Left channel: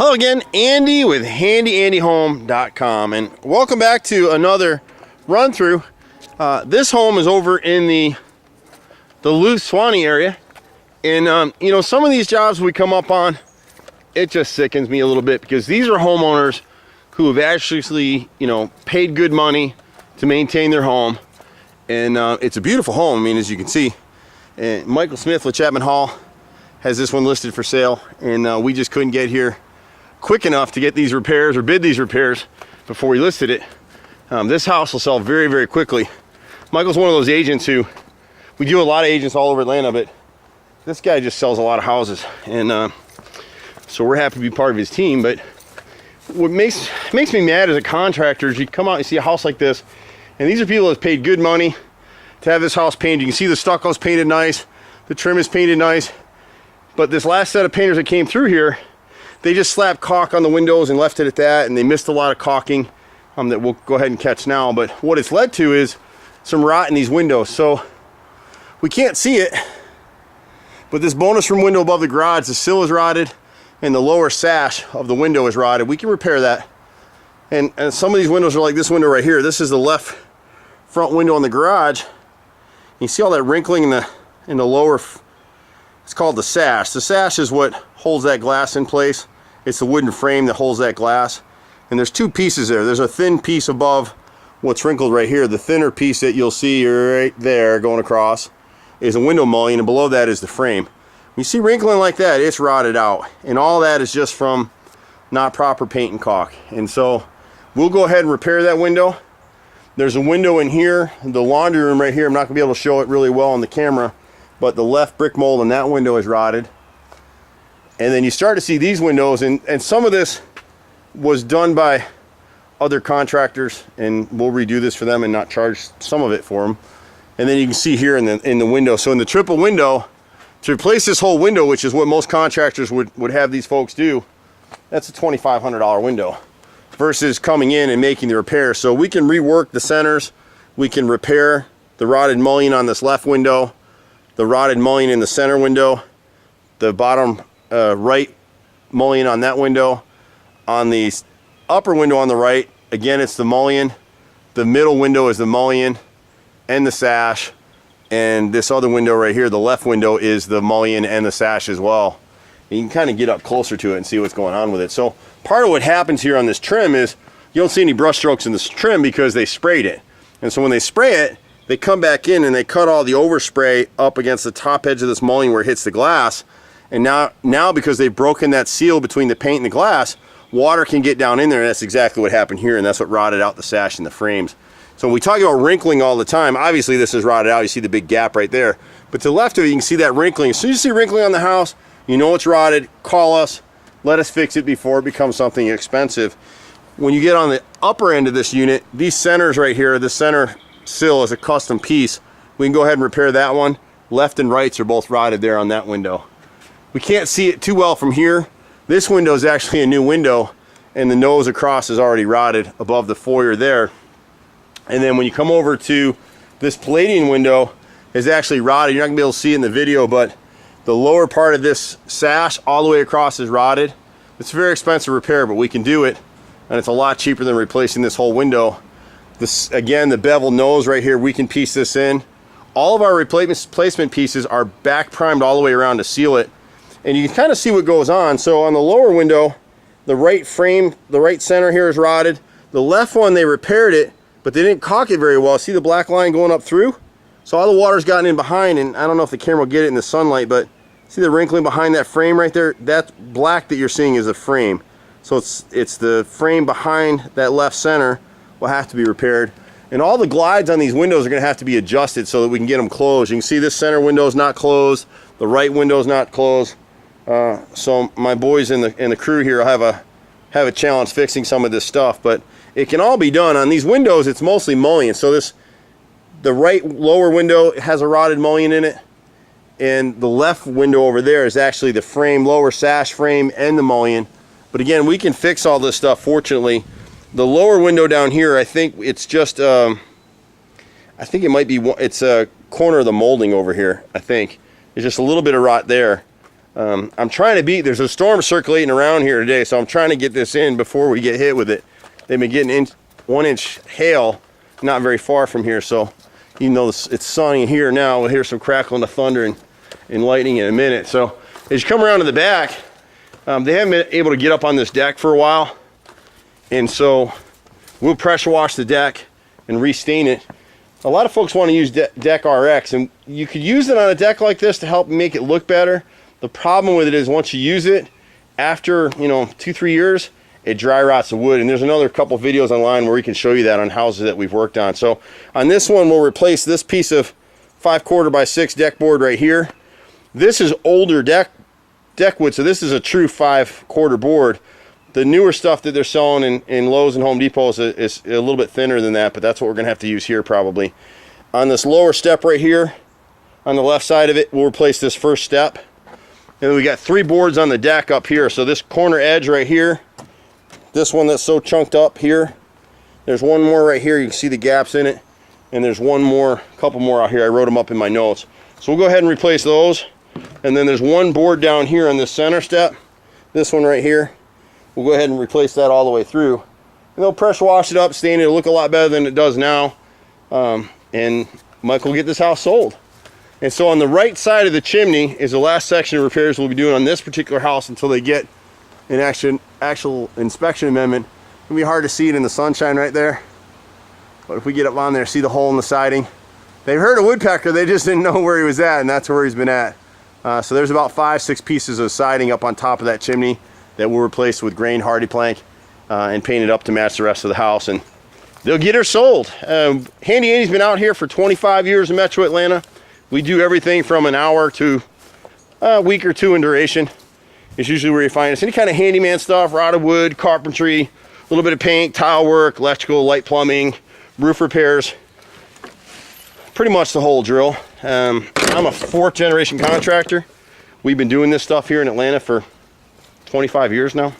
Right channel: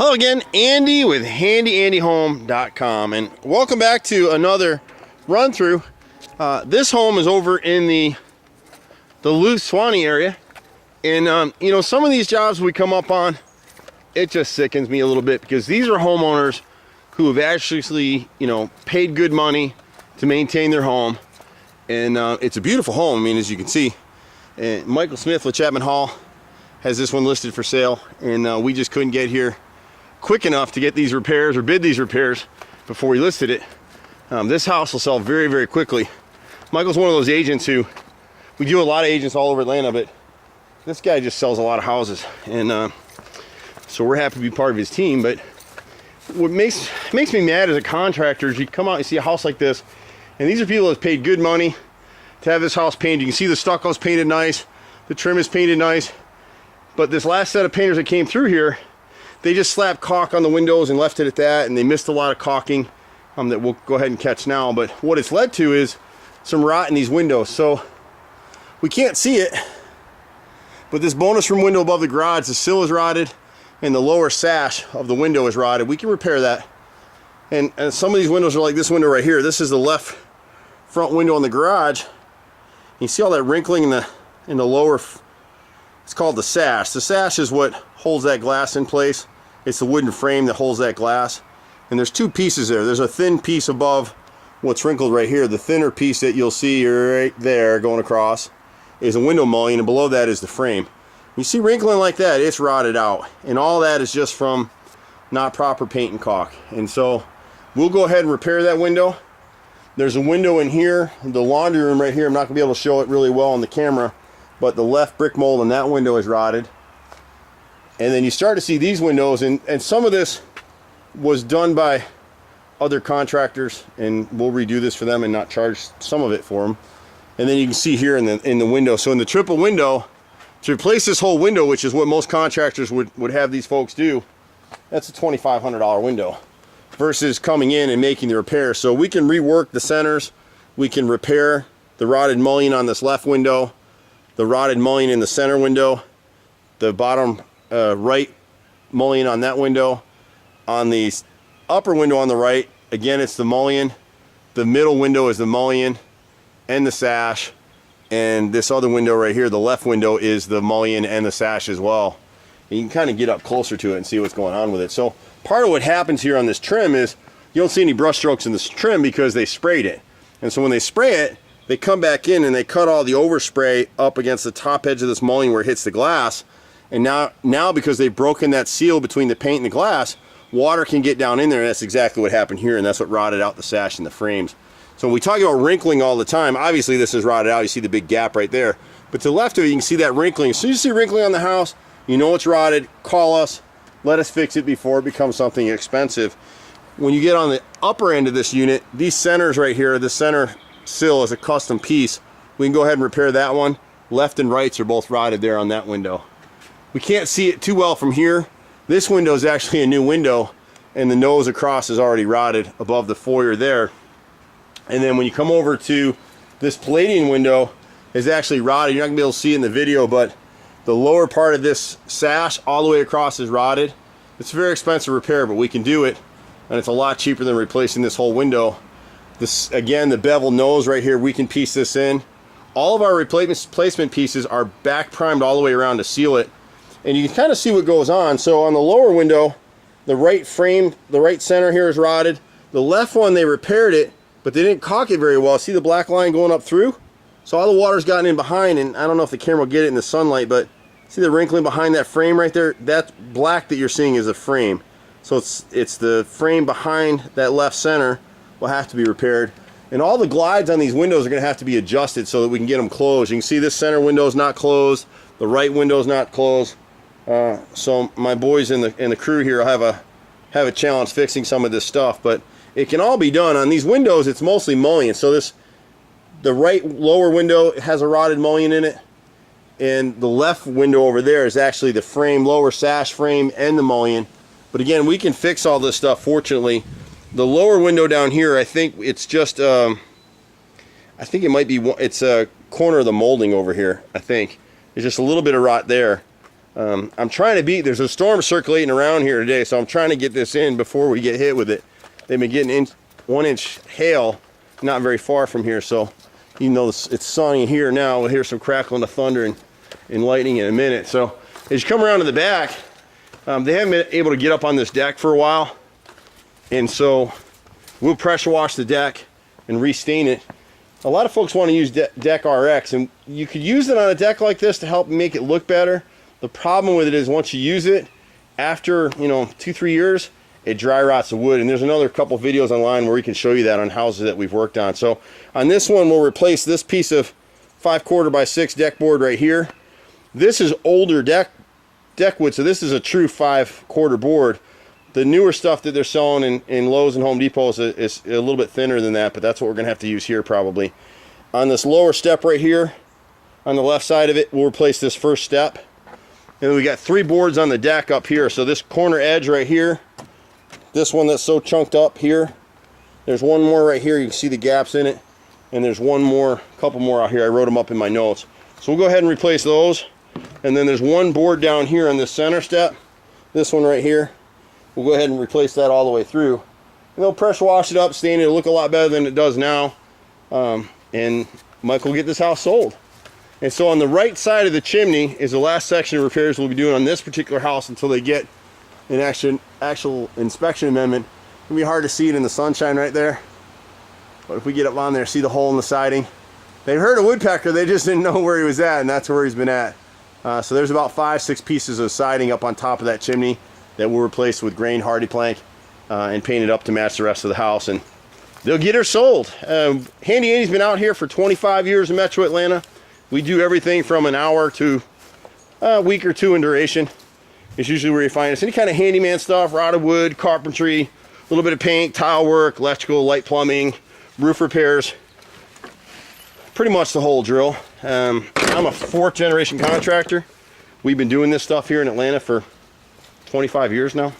Hello again, Andy with HandyANDYHome.com, and welcome back to another run through. This home is over in the Duluth, Swanee area, and you know, some of these jobs we come up on, it just sickens me a little bit because these are homeowners who have actually, you know, paid good money to maintain their home, and it's a beautiful home. I mean, as you can see, and Michael Smith with Chapman Hall has this one listed for sale, and we just couldn't get here quick enough to get these repairs or bid these repairs before we listed it. This house will sell very, very quickly. Michael's one of those agents who, we do a lot of agents all over Atlanta, but this guy just sells a lot of houses, and so we're happy to be part of his team. But what makes me mad as a contractor is you come out and see a house like this, and these are people that have paid good money to have this house painted. You can see the stucco's painted nice, the trim is painted nice, but this last set of painters that came through here, they just slapped caulk on the windows and left it at that, and they missed a lot of caulking that we'll go ahead and catch now. But what it's led to is some rot in these windows. So we can't see it, but this bonus room window above the garage, the sill is rotted and the lower sash of the window is rotted. We can repair that. And some of these windows are like this window right here. This is the left front window in the garage. You see all that wrinkling in the lower, it's called the sash. The sash is what holds that glass in place. It's the wooden frame that holds that glass. And there's two pieces there. There's a thin piece above what's wrinkled right here. The thinner piece that you'll see right there going across is a window mullion, and below that is the frame. You see wrinkling like that, it's rotted out. And all that is just from not proper paint and caulk. And so we'll go ahead and repair that window. There's a window in here, the laundry room right here. I'm not gonna be able to show it really well on the camera, but the left brick mold in that window is rotted. And then you start to see these windows, and some of this was done by other contractors, and we'll redo this for them and not charge some of it for them. And then you can see here in the window. So in the triple window, to replace this whole window, which is what most contractors would have these folks do, that's a $2,500 window versus coming in and making the repair. So we can rework the centers, we can repair the rotted mullion on this left window, the rotted mullion in the center window, the bottom right mullion on that window. On the upper window on the right, again, it's the mullion. The middle window is the mullion and the sash. And this other window right here, the left window, is the mullion and the sash as well. And you can kind of get up closer to it and see what's going on with it. So part of what happens here on this trim is you don't see any brush strokes in this trim because they sprayed it. And so when they spray it, they come back in and they cut all the overspray up against the top edge of this mullion where it hits the glass. And now because they've broken that seal between the paint and the glass, water can get down in there, and that's exactly what happened here, and that's what rotted out the sash and the frames. So when we talk about wrinkling all the time, obviously this is rotted out. You see the big gap right there. But to the left of it, you can see that wrinkling. As soon as you see wrinkling on the house, you know it's rotted. Call us. Let us fix it before it becomes something expensive. When you get on the upper end of this unit, these centers right here, the center sill is a custom piece. We can go ahead and repair that one. Left and rights are both rotted there on that window. We can't see it too well from here. This window is actually a new window, and the nose across is already rotted above the foyer there. And then when you come over to this Palladian window, is actually rotted. You're not gonna be able to see it in the video, but the lower part of this sash all the way across is rotted. It's a very expensive repair, but we can do it, and it's a lot cheaper than replacing this whole window. This, again, the bevel nose right here, we can piece this in. All of our replacement pieces are back primed all the way around to seal it. And you can kind of see what goes on. So on the lower window, the right frame, the right center here is rotted. The left one, they repaired it, but they didn't caulk it very well. See the black line going up through? So all the water's gotten in behind, and I don't know if the camera will get it in the sunlight, but see the wrinkling behind that frame right there? That black that you're seeing is a frame. So it's the frame behind that left center will have to be repaired. And all the glides on these windows are gonna have to be adjusted so that we can get them closed. You can see this center window is not closed. The right window is not closed. So my boys in the crew here will have a challenge fixing some of this stuff, but it can all be done. On these windows, it's mostly mullion. So the right lower window has a rotted mullion in it, and the left window over there is actually the frame, lower sash frame, and the mullion. But again, we can fix all this stuff, fortunately. The lower window down here, I think it's just, I think it might be, it's a corner of the molding over here, I think. There's just a little bit of rot there. I'm trying to beat, there's a storm circulating around here today, so I'm trying to get this in before we get hit with it. They've been getting 1 inch hail not very far from here, so even though it's sunny here now, we'll hear some crackling of thunder and lightning in a minute. So as you come around to the back, they haven't been able to get up on this deck for a while, and so we'll pressure wash the deck and restain it. A lot of folks want to use Deck RX, and you could use it on a deck like this to help make it look better. The problem with it is once you use it, after 2-3 years, it dry rots the wood. And there's another couple videos online where we can show you that on houses that we've worked on. So on this one, we'll replace this piece of 5/4 by 6 deck board right here. This is older deck wood, so this is a true 5/4 board. The newer stuff that they're selling in Lowe's and Home Depot is a little bit thinner than that, but that's what we're gonna have to use here probably. On this lower step right here, on the left side of it, we'll replace this first step. And then we got 3 boards on the deck up here. So this corner edge right here, this one that's so chunked up here, there's one more right here, you can see the gaps in it, and there's one more, a couple more out here, I wrote them up in my notes. So we'll go ahead and replace those. And then there's one board down here on this center step, this one right here. We'll go ahead and replace that all the way through. And they'll pressure wash it up, stain it, it'll look a lot better than it does now. And Mike will get this house sold. And so on the right side of the chimney is the last section of repairs we'll be doing on this particular house until they get an actual inspection amendment. It'll be hard to see it in the sunshine right there, but if we get up on there, see the hole in the siding. They heard a woodpecker, they just didn't know where he was at, and that's where he's been at. So there's about 5-6 pieces of siding up on top of that chimney that we'll replace with grain hardy plank and paint it up to match the rest of the house, and they'll get her sold. Handy Andy's been out here for 25 years in Metro Atlanta. We do everything from an hour to a week or 2 in duration. It's usually where you find us. Any kind of handyman stuff, rotted wood, carpentry, a little bit of paint, tile work, electrical, light plumbing, roof repairs. Pretty much the whole drill. I'm a 4th generation contractor. We've been doing this stuff here in Atlanta for 25 years now.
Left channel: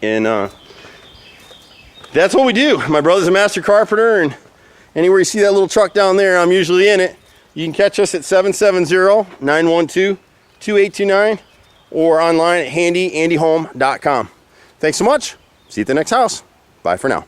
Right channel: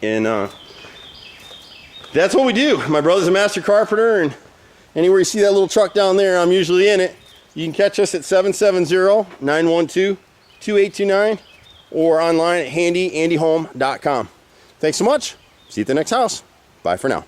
And that's what we do. My brother's a master carpenter, and anywhere you see that little truck down there, I'm usually in it. You can catch us at 770-912-2829 or online at HandyANDYHome.com. Thanks so much. See you at the next house. Bye for now.